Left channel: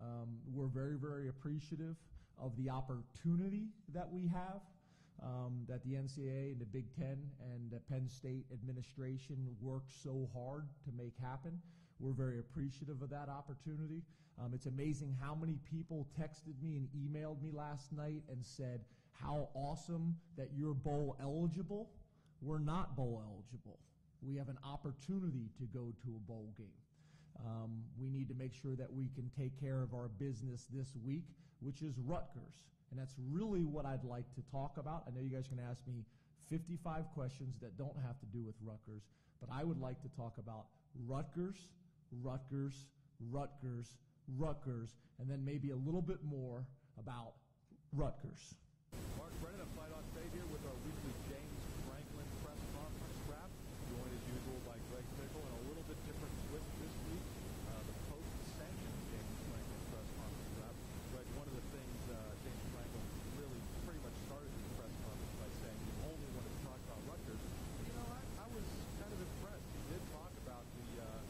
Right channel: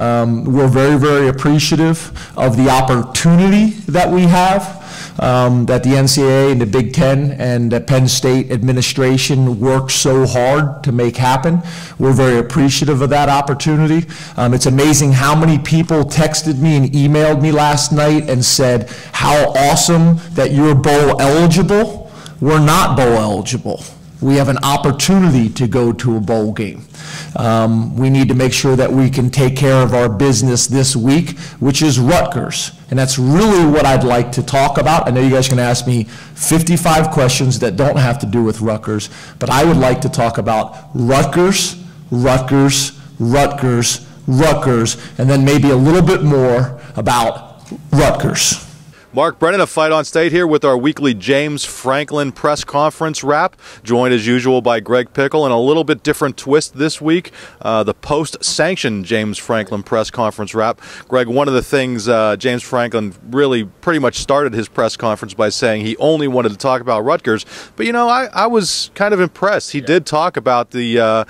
We're very, very appreciative of the opportunity that we have, that the NCAA and the Big Ten and the Penn State administration worked so hard to make happen. We're very appreciative of that opportunity. It's amazing how many people texted me and emailed me last night and said how awesome that you're bowl eligible. We're not bowl eligible. We have an opportunity to go to a bowl game. We need to make sure that we can take care of our business this week, which is Rutgers. And that's really what I'd like to talk about. I know you guys can ask me 55 questions that don't have to do with Rutgers, but I would like to talk about Rutgers, Rutgers, Rutgers, Rutgers, and then maybe a little bit more about Rutgers. Mark Brennan of Fight on State here with our weekly James Franklin press conference wrap, joined as usual by Greg Pickel, and a little bit different twist this week, the post-sanction James Franklin press conference wrap. Greg, one of the things James Franklin really pretty much started his press conference by saying he only wanted to talk about Rutgers, but you know, I was kind of impressed. He did talk about the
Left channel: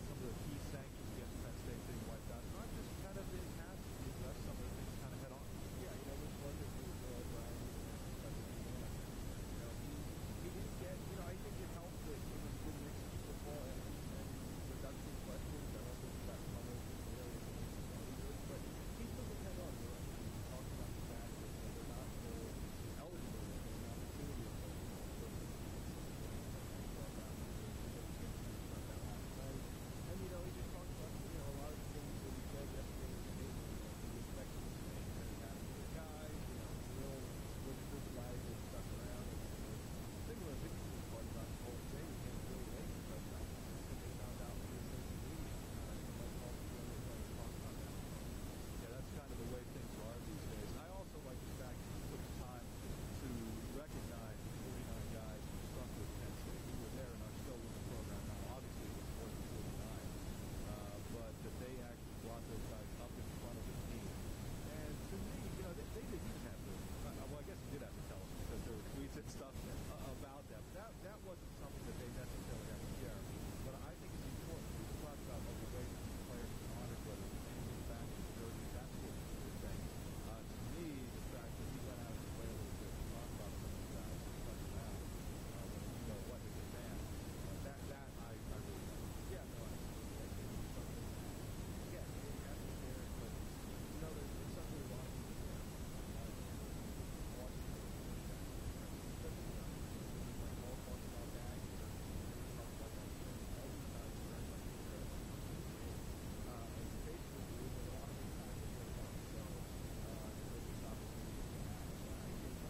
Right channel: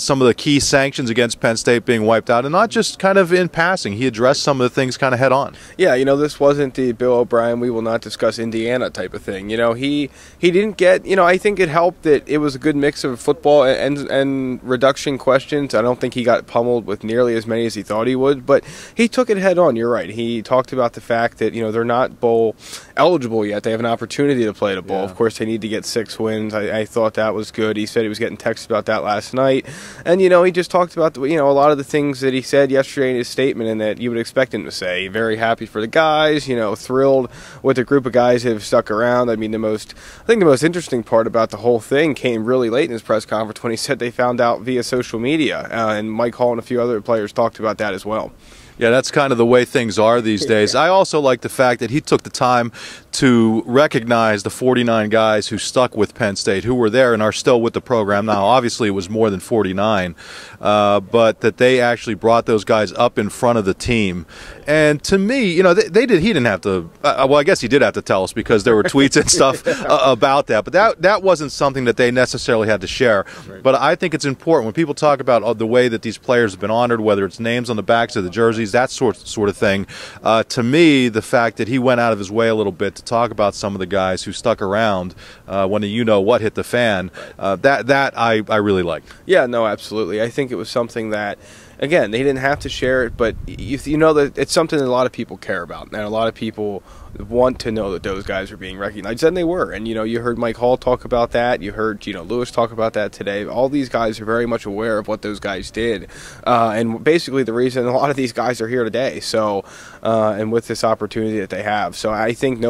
some of the key sanctions against Penn State being wiped out, and not just kind of in passing. He addressed some of the things kind of head on. Yeah, you know, this wasn't the Bill O'Brien, we will not discuss Indiana type of thing. You know, he didn't get, you know, I think it helped that it was a good mix of football and reduction questions. I don't think he got pummeled with nearly as many as he thought he would, but he took it head on. You're right. He talked about the fact that, you know, they're not bowl eligible yet. They have an opportunity to play the bowl. Yeah. Of course, they need to get 6 wins. I thought that was good. He said he was getting texts about that last night. And, you know, he just talked about, you know, a lot of the things that he said yesterday in his statement and that you would expect him to say. Very happy for the guys, you know, thrilled with the group of guys that have stuck around. I mean, I think the most interesting part about the whole thing came really late in his press conference when he said they found out via social media. And Mike Hall and a few other players talked about that as well. Yeah, that's kind of the way things are these days. I also like the fact that he took the time to recognize the 49 guys who stuck with Penn State, who were there and are still with the program now. Obviously, it was more than 49, but that they actually brought those guys up in front of the team. And to me, you know, he didn't have to, well, I guess he did have to tell us because there were tweets and stuff about that, but that wasn't something that they necessarily had to share. But I think it's important when people talk about the way that these players have been honored, whether it's names on the backs of the jerseys, that sort of thing. To me, the fact that he went out of his way a little bit to talk about some of the guys who stuck around when you know what hit the fan, that I really like. Yeah, no, absolutely. I think it was something that, again, they didn't have to share it, but you know that it's something that a lot of people care about, and a lot of people want to know that those guys are being recognized, and they were. And, you know, you heard Mike Hall talk about that. You heard, you know, Lewis talk about that today. All these guys are very much aware of what those guys did, and basically the reason a lot of these guys are here today. So, and with this opportunity that they have. So I think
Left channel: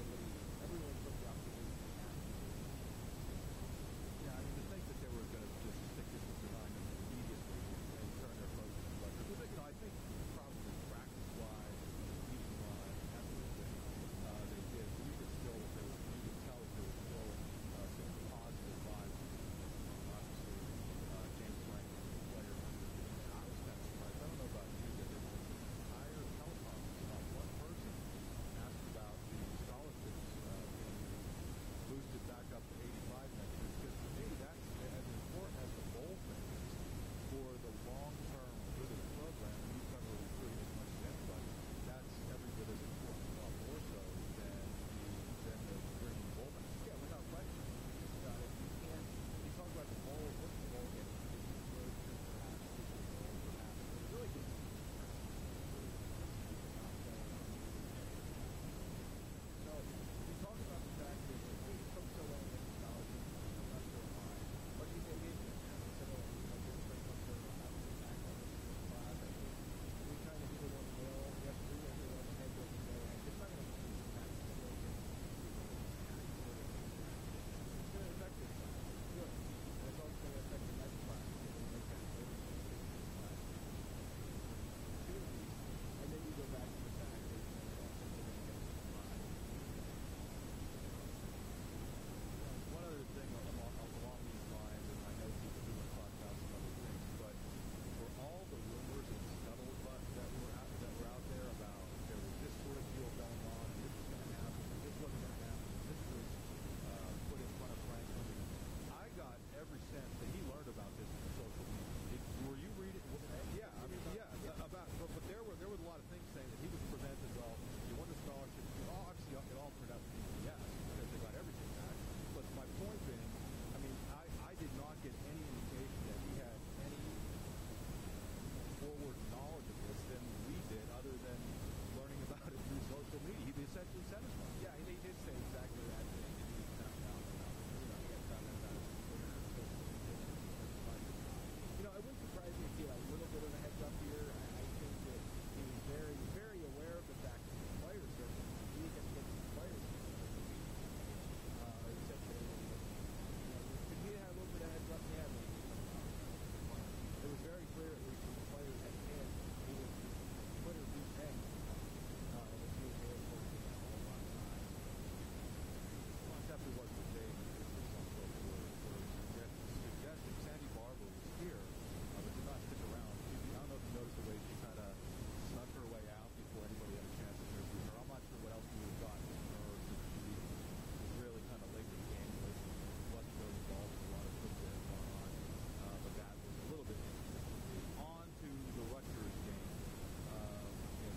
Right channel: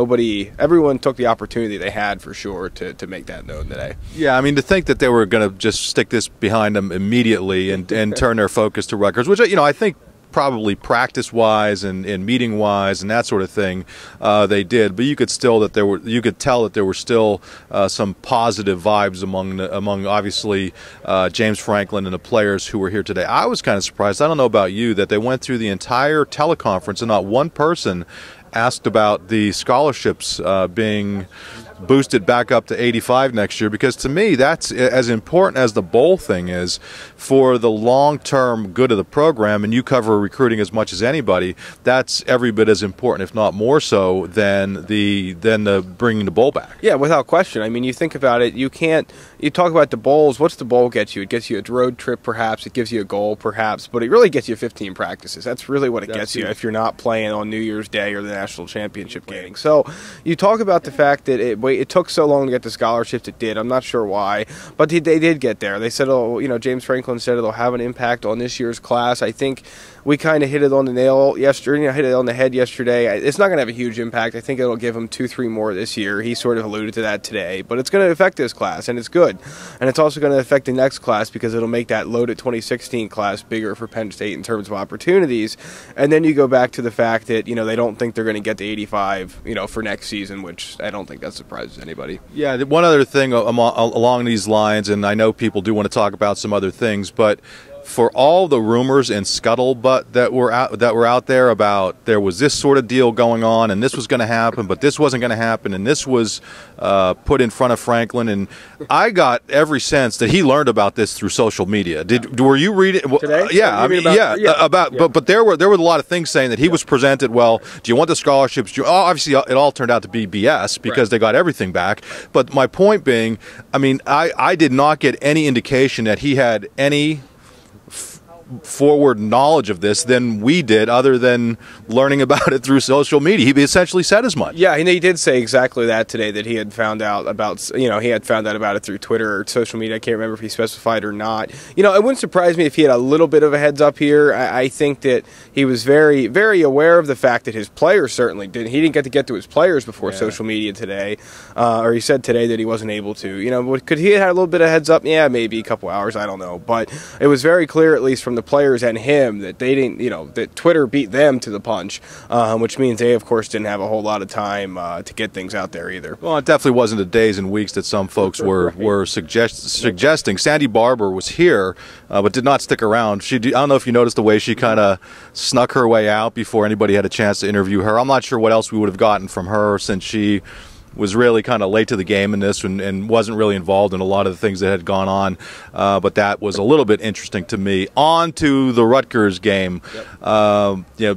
everyone took the opportunity they had for sure to make that known today. Yeah, I mean, to think that they were going to just stick this behind them immediately and turn their focus to Rutgers, which, you know, I think probably practice-wise and meeting-wise and that sort of thing, they did. But you could tell that there were still some positive vibes among obviously James Franklin and the players who were here today. I was kind of surprised. I don't know about you, that they went through the entire teleconference and not one person asked about the scholarships being boosted back up to 85 next year, because to me that's as important as the bowl thing is for the long-term good of the program, and you cover recruiting as much as anybody. That's every bit as important, if not more so, than the bringing the bowl back. Yeah, without question. I mean, you think about it, you talk about the bowls. What's the bowl get you? It gets you a road trip, perhaps. It gives you a goal, perhaps. But it really gets you 15 practices. That's really what it gets you if you're not playing on New Year's Day or the national championship game. So you talk about the fact that it took so long to get the scholarships. It did. I'm not sure why, but they did get there. They said, James Franklin said it'll have an impact on this year's class. I think we kind of hit it on the nail yesterday. Hit it on the head yesterday. It's not going to have a huge impact. I think it'll give him 2-3 more this year. He sort of alluded to that today, but it's going to affect this class, and it's good. And it's also going to affect the next class because it'll make that loaded 2016 class bigger for Penn State in terms of opportunities. And then you go back to the fact that, they don't think they're going to get to 85, for next season, which I don't think that surprises anybody. Yeah, one other thing along these lines, and I know people do want to talk about some other things, but for all the rumors and scuttlebutt that were out there about there was this sort of deal going on and this was going to happen, but this wasn't going to happen, and this was put in front of Franklin, and I got every sense that he learned about this through social media. Were you reading today? Yeah, I mean, but there were a lot of things saying that he was presented. Well, do you want the scholarships? Obviously, it all turned out to be BS because they got everything back. But my point being, I mean, I did not get any indication that he had any forward knowledge of this than we did, other than learning about it through social media. He essentially said as much. Yeah, and he did say exactly that today, that he had found out about, he had found out about it through Twitter or social media. I can't remember if he specified or not. It wouldn't surprise me if he had a little bit of a heads up here. I think that he was very, very aware of the fact that his players certainly didn't. He didn't get to his players before social media today, or he said today that he wasn't able to. Could he have had a little bit of heads up? Yeah, maybe a couple hours. I don't know, but it was very clear, at least from the players and him, that they didn't, that Twitter beat them to the punch, which means they, of course, didn't have a whole lot of time to get things out there either. Well, it definitely wasn't the days and weeks that some folks were suggesting. Sandy Barber was here, but did not stick around. I don't know if you noticed the way she kind of snuck her way out before anybody had a chance to interview her. I'm not sure what else we would have gotten from her, since she was really kind of late to the game in this and wasn't really involved in a lot of the things that had gone on. But that was a little bit interesting to me. On to the Rutgers game.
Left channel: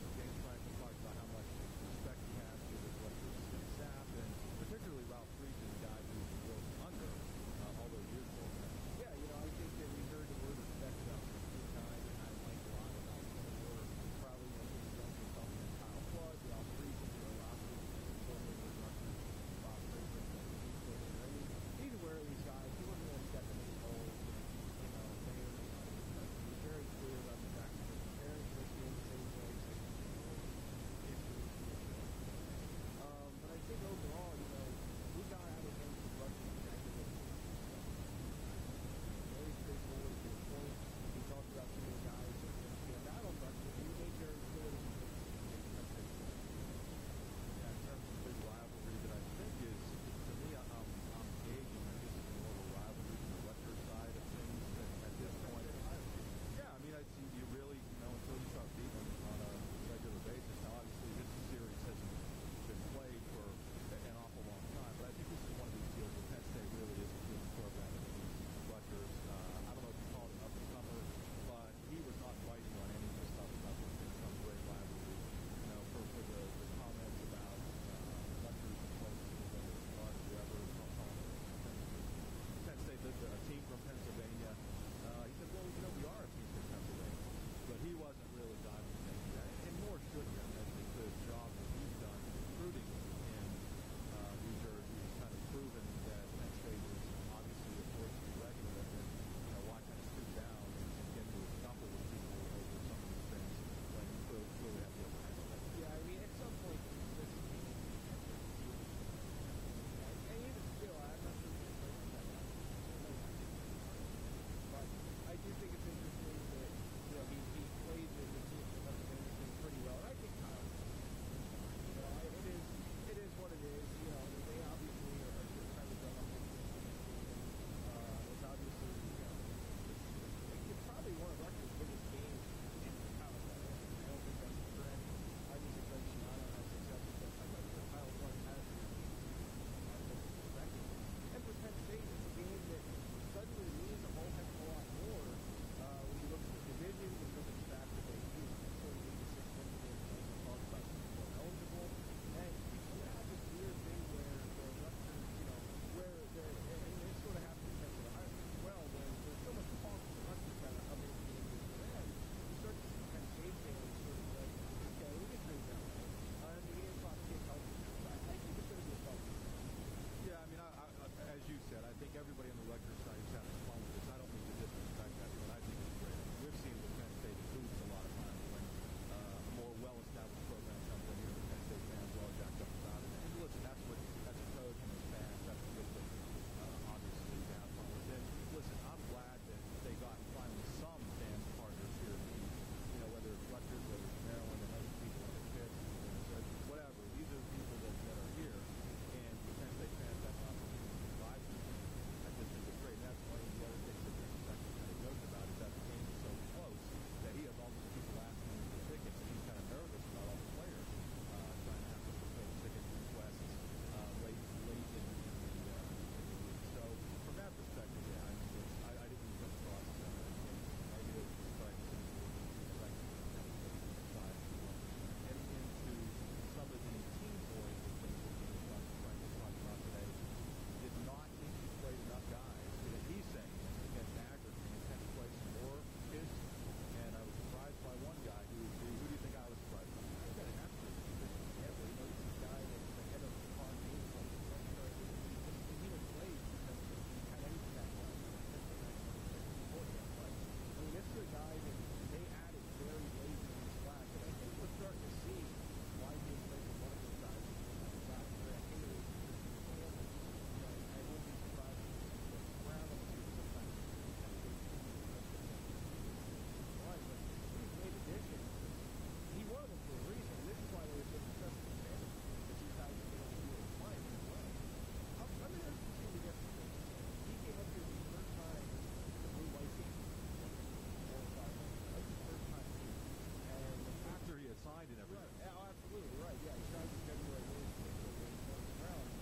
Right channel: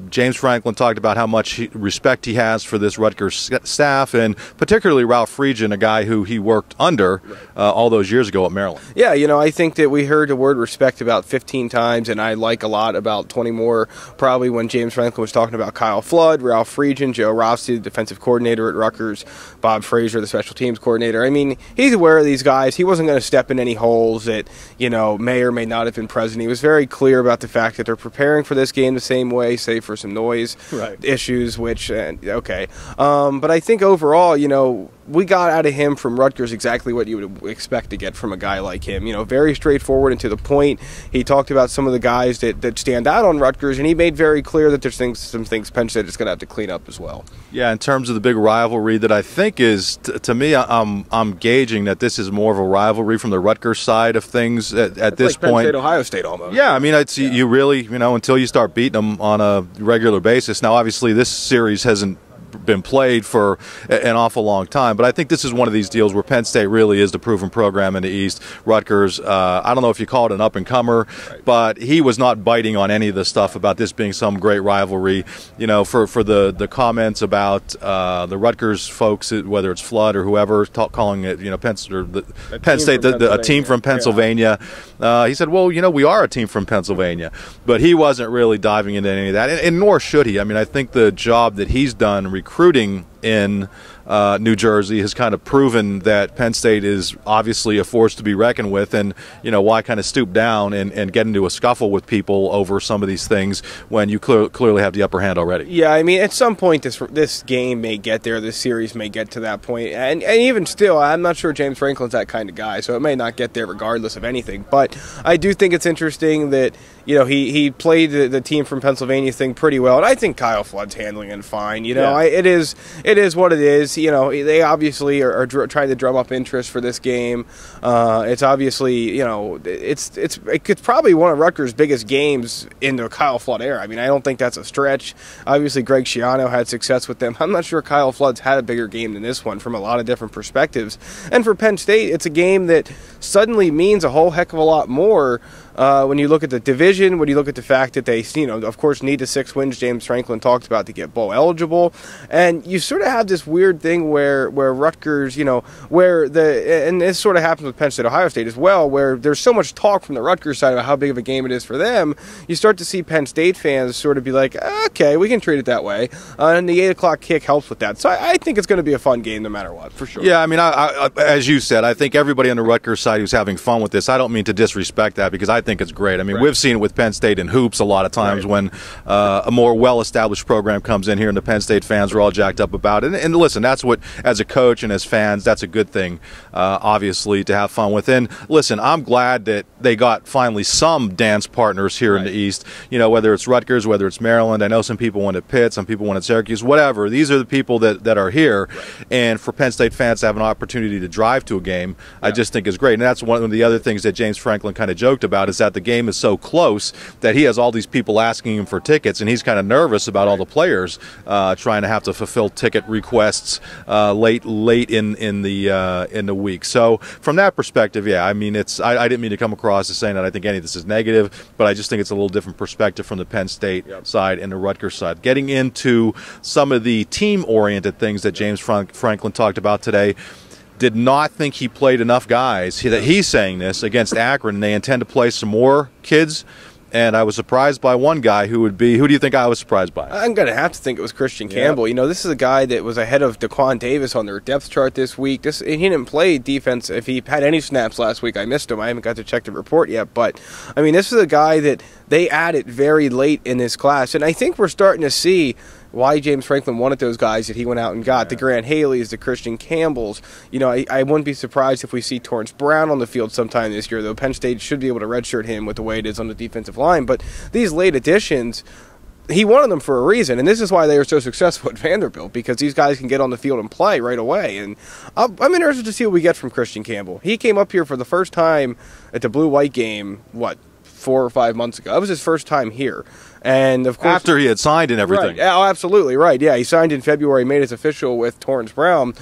James Franklin talked about how much respect he has for this Rutgers staff, and particularly Ralph Friedgen, a guy who he worked under all those years ago at Maryland. Yeah, I think that we heard the word respect about 15 times, and I like a lot about 20 more probably when James Franklin was talking about Kyle Flood, Ralph Friedgen, Joe Rossi, the defensive coordinator at Rutgers, Bob Frazier, the special teams coordinator. I mean, he's aware of these guys. He wasn't going to step in any holes that, may or may not have been present. He was very clear about the fact that they're preparing for this game the same way, save for some noise issues, which, but I think overall, we got out of him from Rutgers exactly what you would expect to get from a guy like him. Very straightforward and to the point. He talked about some of the guys that stand out on Rutgers, and he made very clear that there's some things Penn State is going to have to clean up as well. Yeah, in terms of the big rivalry that I think is, to me, I'm gauging that this is more of a rivalry from the Rutgers side of things at this like point. Penn State, Ohio State almost. Yeah, I mean, you really, until you start beating them on a regular basis. Now, obviously, this series hasn't been played for an awful long time, but I think this is one of these deals where Penn State really is the proven program in the East. Rutgers, I don't know if you call it an up-and-comer, but he was not biting on any of the stuff about this being some great rivalry. For the comments about the Rutgers folks, whether it's Flood or whoever, calling it, Penn State, a team from Pennsylvania. He said, well, we are a team from Pennsylvania, but he wasn't really diving into any of that, and nor should he. I mean, I think the job that he's done recruiting in New Jersey has kind of proven that Penn State is obviously a force to be reckoned with, and why kind of stoop down and get into a scuffle with people over some of these things when you clearly have the upper hand already. Yeah, I mean, at some point this game may get there, this series may get to that point, and even still, I'm not sure James Franklin's that kind of guy, so it may not get there regardless of anything. But I do think it's interesting that he played the team from Pennsylvania thing pretty well, and I think Kyle Flood's handling it fine. It is what it is. They obviously are trying to drum up interest for this game. It's obviously, it's probably one of Rutgers' biggest games in the Kyle Flood era. I mean, I don't think that's a stretch. Obviously, Greg Schiano had success with them. I'm not sure Kyle Flood's had a bigger game than this one from a lot of different perspectives. And for Penn State, it's a game that suddenly means a whole heck of a lot more. When you look at the division, when you look at the fact that they, of course, need the 6 wins James Franklin talked about to get bowl eligible, and you sort of have this weird thing where Rutgers, and this sort of happens with Penn State, Ohio State as well, where there's so much talk from the Rutgers side about how big of a game it is for them. You start to see Penn State fans sort of be like, okay, we can treat it that way, and the 8 o'clock kick helps with that. So I think it's going to be a fun game no matter what, for sure. Yeah, I mean, I, as you said, I think everybody on the Rutgers side who's having fun with this, I don't mean to disrespect that, because I think it's great. I mean, we've seen it with Penn State in hoops a lot of times when a more well-established program comes in here and the Penn State fans are all jacked up about it. And listen, that's what, as a coach and as fans, that's a good thing, obviously, to have fun with. And listen, I'm glad that they got finally some dance partners here in the East, whether it's Rutgers, whether it's Maryland. I know some people wanted Pitt, some people wanted Syracuse, whatever. These are the people that are here. And for Penn State fans to have an opportunity to drive to a game, I just think is great. And that's one of the other things that James Franklin kind of joked about, is is that the game is so close that he has all these people asking him for tickets, and he's kind of nervous about all the players trying to have to fulfill ticket requests late in the week. So from that perspective, yeah, I mean, I didn't mean to come across as saying that I think any of this is negative, but I just think it's a little different perspective from the Penn State side and the Rutgers side. Getting into some of the team-oriented things that James Franklin talked about today, did not think he played enough guys. He's saying this against Akron, and they intend to play some more kids. And I was surprised by one guy who do you think I was surprised by? I'm going to have to think it was Christian Campbell. You know, this is a guy that was ahead of Daquan Davis on their depth chart this week. He didn't play defense. If he had any snaps last week, I missed him. I haven't got to check the report yet. But, I mean, this is a guy that they added very late in this class. And I think we're starting to see why James Franklin wanted those guys that he went out and got. The Grant Haleys, the Christian Campbells. You know, I wouldn't be surprised if we see Torrance Brown on the field sometime this year, though Penn State should be able to redshirt him with the way it is on the defensive line. But these late additions, he wanted them for a reason, and this is why they were so successful at Vanderbilt, because these guys can get on the field and play right away. And I'm interested to see what we get from Christian Campbell. He came up here for the first time at the blue-white game, 4 or 5 months ago. That was his first time here. And of course, after he had signed and everything. Right. Oh, absolutely right. Yeah, he signed in February, made his official with Torrance Brown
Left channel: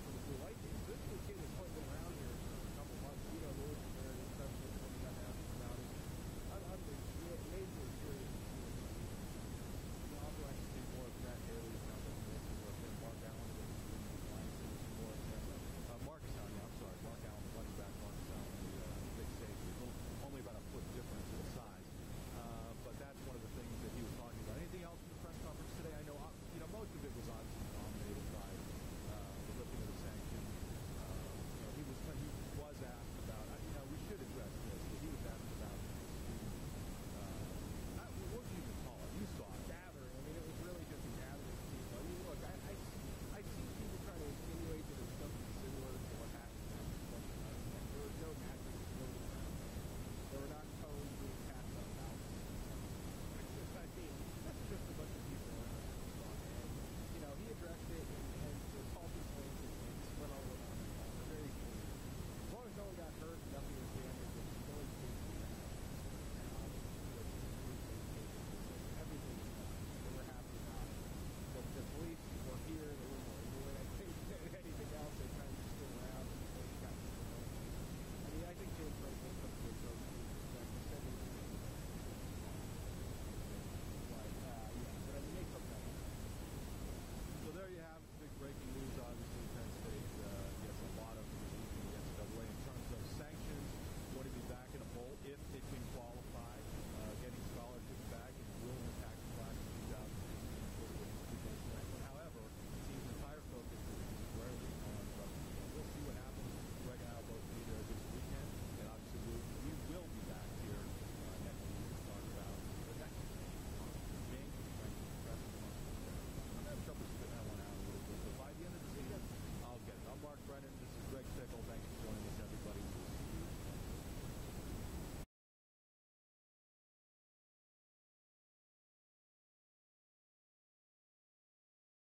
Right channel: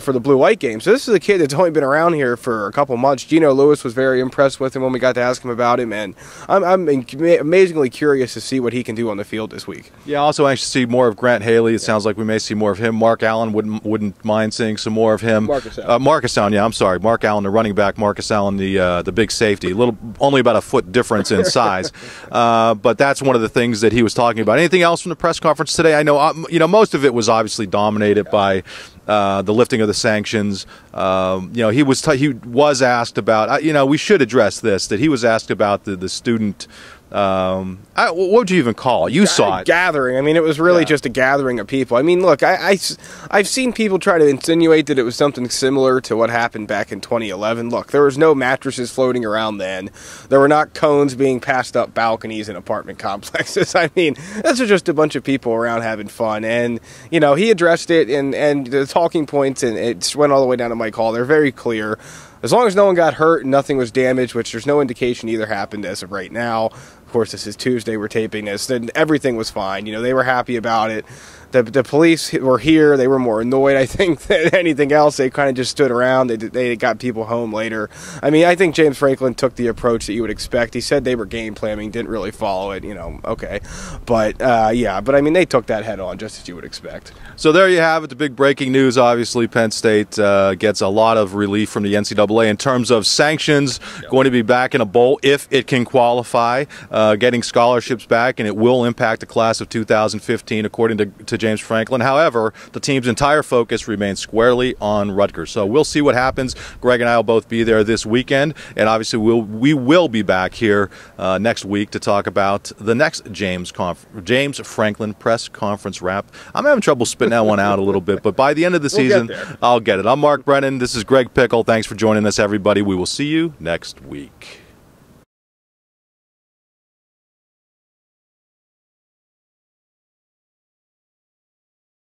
for the blue-white game. So this is a kid that's only been around here for a couple months. Gino Lewis was very impressed with him when we got to ask him about him, and I'm amazingly curious to see what he can do on the field this week. Yeah, also anxious to see more of Grant Haley. It sounds like we may see more of him. Mark Allen wouldn't mind seeing some more of him. Marcus Allen, yeah, I'm sorry. Mark Allen, the running back. Marcus Allen, the big safety. Only about a foot difference in size, but that's one of the things that he was talking about. Anything else from the press conference today? I know most of it was obviously dominated by the lifting of the sanctions. He was asked about. We should address this. That he was asked about the student. What would you even call it? You saw it. Gathering. I mean, it was really just a gathering of people. I mean, look, I've seen people try to insinuate that it was something similar to what happened back in 2011. Look, there was no mattresses floating around then. There were not cones being passed up balconies in apartment complexes. I mean, this was just a bunch of people around having fun. And, he addressed it, and the talking points, and it went all the way down to Mike Hall. They're very clear. As long as no one got hurt and nothing was damaged, which there's no indication either happened as of right now. Of course, this is Tuesday, we're taping this, then everything was fine. They were happy about it. The police were here. They were more annoyed, I think, than anything else. They kind of just stood around. They got people home later. I mean, I think James Franklin took the approach that you would expect. He said they were game planning, didn't really follow it, okay. But, but I mean, they took that head on, just as you would expect. So there you have it, the big breaking news. Obviously, Penn State gets a lot of relief from the NCAA in terms of sanctions, going to be back in a bowl if it can qualify, getting scholarships back, and it will impact the class of 2015, according to James Franklin. However, the team's entire focus remains squarely on Rutgers. So we'll see what happens. Greg and I will both be there this weekend, and obviously we will be back here next week to talk about the next James Franklin press conference wrap. I'm having trouble spitting that one out a little bit, but by the end of the season, I'll get it. I'm Mark Brennan. This is Greg Pickel. Thanks for joining us, everybody. We will see you next week.